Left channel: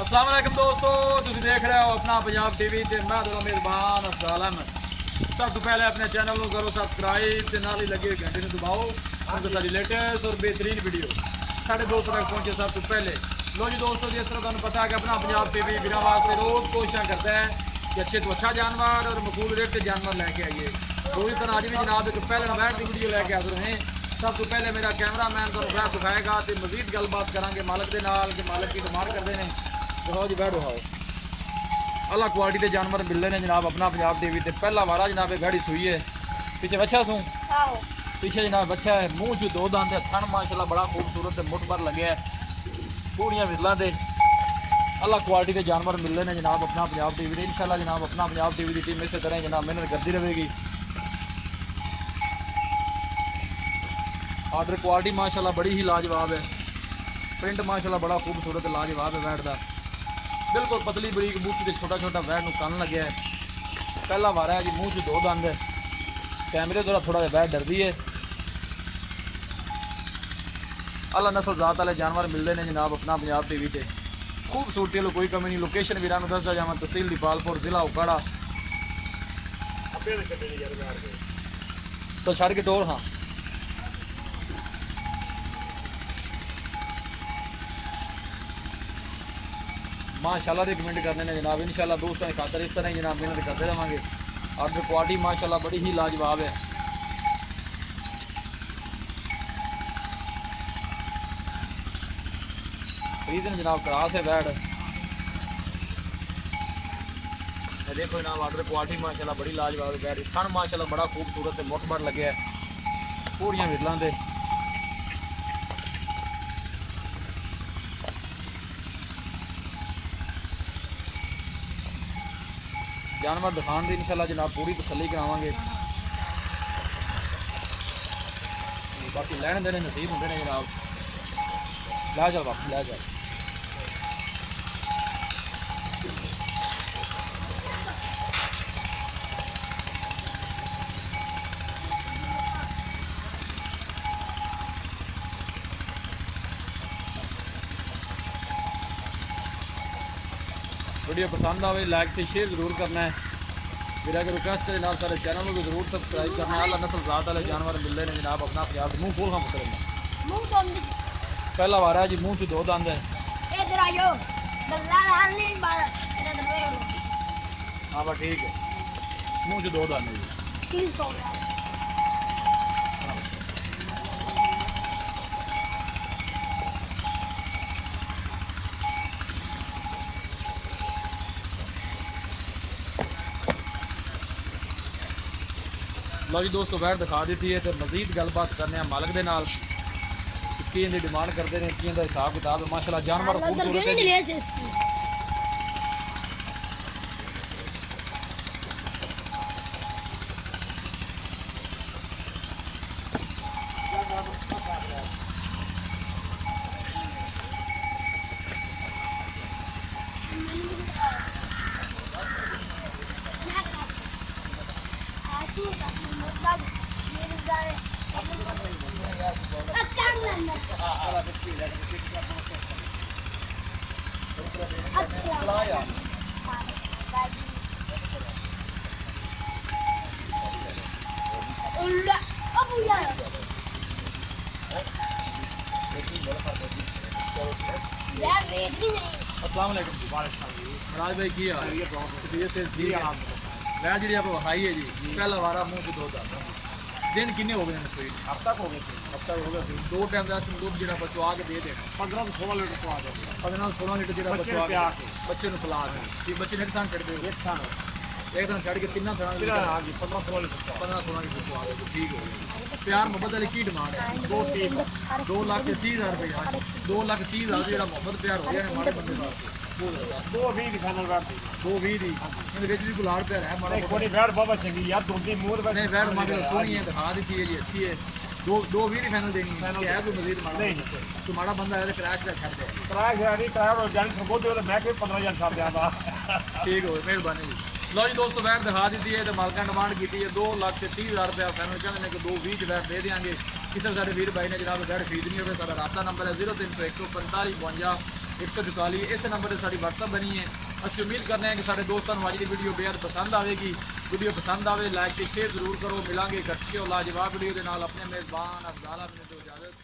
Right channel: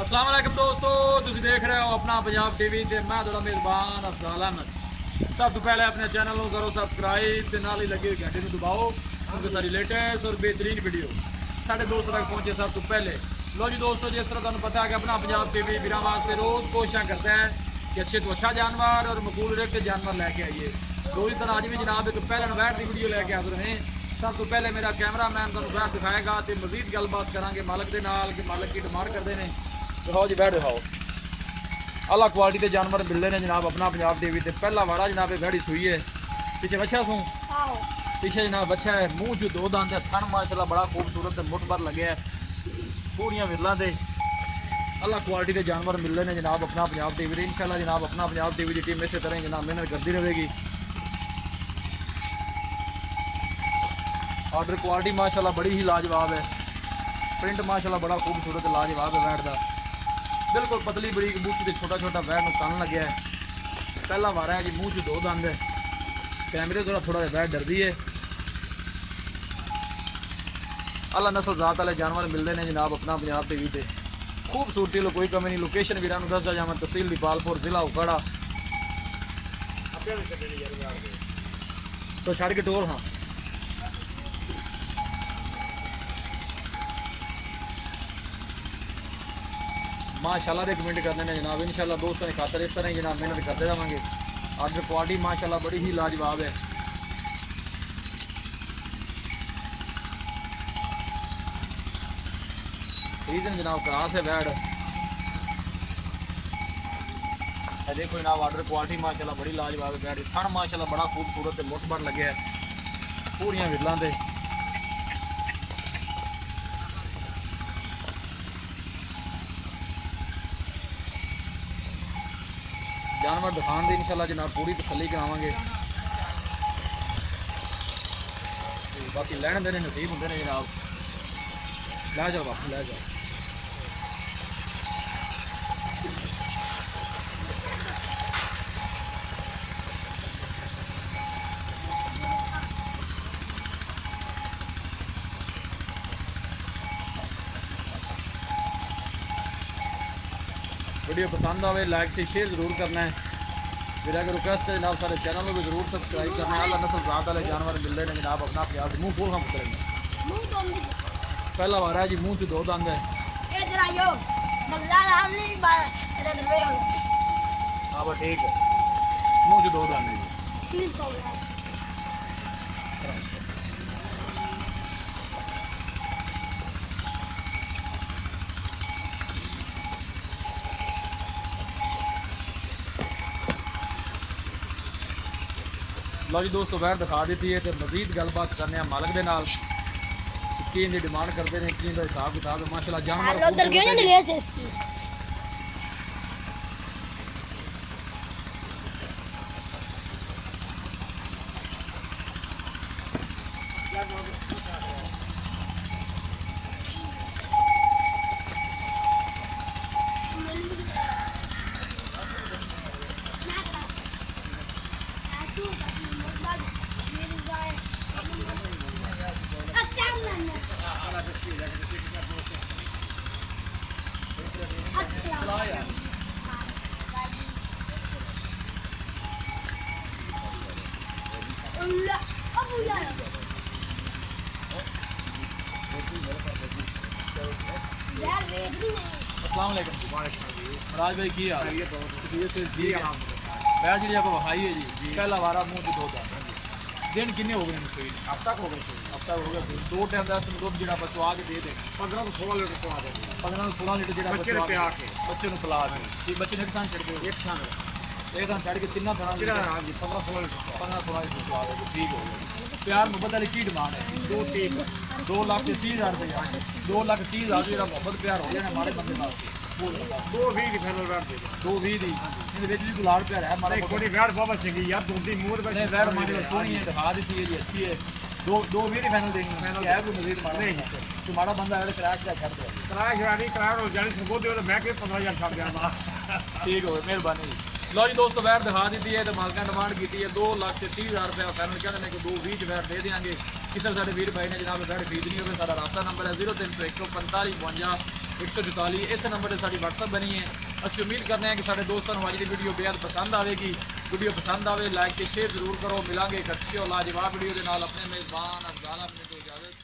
अस्सलाम वालेकुम दोस्तों, तुसीं देख रहे हो अपना पंजाब टीवी ते मैं तुहाडा मेज़बान अफजाल अहमद। सब तो पहले अपने चैनल को करो सब्सक्राइब ते नाल ही लगे घंटे को दबाओ क्योंकि सारी लेटेस्ट और बेहतरीन वीडियो साढ़े दोस्तों तक पहुँचे सब तो पहले। लो जी दोस्तों, जिस तरह तुहानूं पता है कि अपना पंजाब टीवी बिना वास्ते रोज़ कोशिश करता है कि अच्छे तो अच्छा जानवर और मकबूल रेट के जानवर लैके आइए। रोज़ तरह अज भी जनाब एक पहलन वैट की वीडियो लैके हाजिर हैं। सब तो पहले मेरा कैमरा मैन तुहानूं वैट दिखाएगा तो मजीद गलबात करांगे मालक के नाल कि मालक की डिमांड करते हैं। दिखाओ जी वैट दिखाओ। अला क्वालिटी के जानवर मिल रहे हैं जनाब अपना पंजाब टीवी ते। पहला वारा जनाब वैड़ी सुई है, पीछे बच्चा सूँ पीछे जनाब बच्चा है, मुँह चू दो दंद है, थन माशाल्लाह बड़ा खूबसूरत है, मुठ भर लगे है, पूरियां विरलों से अला क्वालिटी के जानवर मिल रहे हैं जनाब अपना पंजाब टीवी से। इंशाल्लाह जनाब अपना पंजाब टीवी की टीम इस तरह ही जनाब मेहनत करती रहेगी। ऑर्डर क्वालिटी माशाल्लाह बड़ी ही लाजवाब है, प्रिंट माशाल्लाह बड़ा खूबसूरत लाजवाब है वैट का। बिल्कुल पतली बरीक बूटी से छोटा छोटा वैट नूं कन लग्या है। पहला वारा है जी, मूँह च दो दंद है, कैमरे थोड़ा थोड़ा वैट डरदी है। अला नस्ल जात वाले जानवर मिलते हैं जनाब अपना पंजाब टीवी से। खूबसूरती लो कोई कमी नहीं। लोकेशन वीरां नूं दसदा जावां, तहसील दीपालपुर जिला उकाड़ा तो छड़ के टोर। हाँ माशाल्लाह दे कमेंट करने ने जनाब। इंशाल्लाह दोस्तों की खातर इस तरह ही जनाब मेहनत करते रहेंगे। ऑर्डर क्वालिटी माशाल्लाह बड़ी ही लाजवाब है। रीजन जनाब क्रास है वैड। देखो जनाब ऑर्डर क्वालिटी माशाल्लाह बड़ी लाजवाब है वैड। थन माशाल्लाह बड़ा खूबसूरत है, मुठ बड़ लगे है, पूरियां विरलों से। जानवर दिखाने की इंशाल्लाह जनाब पूरी तसल्ली करावांगे। बाकी लैन देने नसीब होंगे ने जनाब। लै जाओ बापू लै जाओ। वीडियो पसंद आए लाइक से शेयर जरूर करना है। मेरा अगर रिक्वेस्ट है जनाब सारे चैनल को भी जरूर सब्सक्राइब करना है। अला नस्ल जात वाले जानवर मिल रहे हैं जनाब अपना पंजाब। मुँह खोल हम उतरेंगे। पहला वारा है जी, मुँह च दो दंद है। हाँ बस ठीक है, मुँह च दो दंद है जी। लो जी दोस्तों वैट दिखा दी है तो मजीद गलबात करने मालक के नाल कि इनकी डिमांड करते हैं, कि इनका हिसाब किताब है। माशाल्लाह जानवर खूबसूरत है। अस्सलाम वालेकुम जी। मराज भाई की हाल है? वैट जी आपको वखाई है जी। पहला वारा मुँह से दो दंद। दिन किन्ने हो गए सुई? हफ्ता हो गए थे। हफ्ता हो गया। दो टाइम का दुध जो बचवा के दे देना। 15 तो 16 लीटर चवा देंगे। 15 16 लीटर जो बचवा के बच्चे पिला के बच्चे ने एक थान छड़ दो। एक थान छड़ के तीन थाना 15 16 लीटर 15 16 लीटर चवा दे। ठीक हो गया। प्यार मोहब्बत वाली की डिमांड है? 2,30,000 रुपये। हाँ जी 2,30,000 जो मोहब्बत प्यार हो जाने माड़े बंदे वास्ते। 220 की फाइनल वैट दे 220 दी इहदे विच भी कोई लाड़ प्यार है माड़ा एक बड़ी वैट बाबा चंगी यार दूधी मूंह नहीं वैट माशाल्लाह सोहनी है, दिखा दी है जी, अच्छी है। 220 की फाइनल देनी है। क्या है कोई मजीद माड़ा नहीं? तो माड़ा बंदा है तो क्रैश का छड़ दे। किराया नहीं किराया और जानी संगो दे तो मैं कोई 15,000 छाड़ दियांदा। ठीक हो गया, मेहरबानी जी। लो जी दोस्तों वैट दिखा दी है तो मालका डिमांड की है 2,30,000 रुपया फाइनल कहते हैं कि 220 वैट दे देंगे। किसी साढ़े वीर भाई ने जनाब वैट खरीदनी हो सारा रास्ता नंबर है 0301 45 52 144 इस नंबर से साड़ी WhatsApp बनी है। ਅਸੀਂ ਉਮੀਦ ਕਰਦੇ ਹਾਂ ਕਿ ਸਾਡੇ ਦੋਸਤਾਂ ਨੂੰ ਅੱਜ ਦੀ ਵੀਡੀਓ ਬੇहद ਪਸੰਦ ਆਵੇਗੀ। ਵੀਡੀਓ ਪਸੰਦ ਆਵੇ ਲਾਈਕ ਤੇ ਸ਼ੇਅਰ ਜ਼ਰੂਰ ਕਰੋ। ਮਿਲਾਂਗੇ ਇੱਕ ਅੱਛੀ ਔਰ ਲਾਜਵਾਬ ਵੀਡੀਓ ਦੇ ਨਾਲ। ਆਪਣੇ ਮੇਜ਼ਬਾਨ ਅਫਜ਼ਾਲ ਅਹਿਮਦ ਨੂੰ ਇਜਾਜ਼ਤ।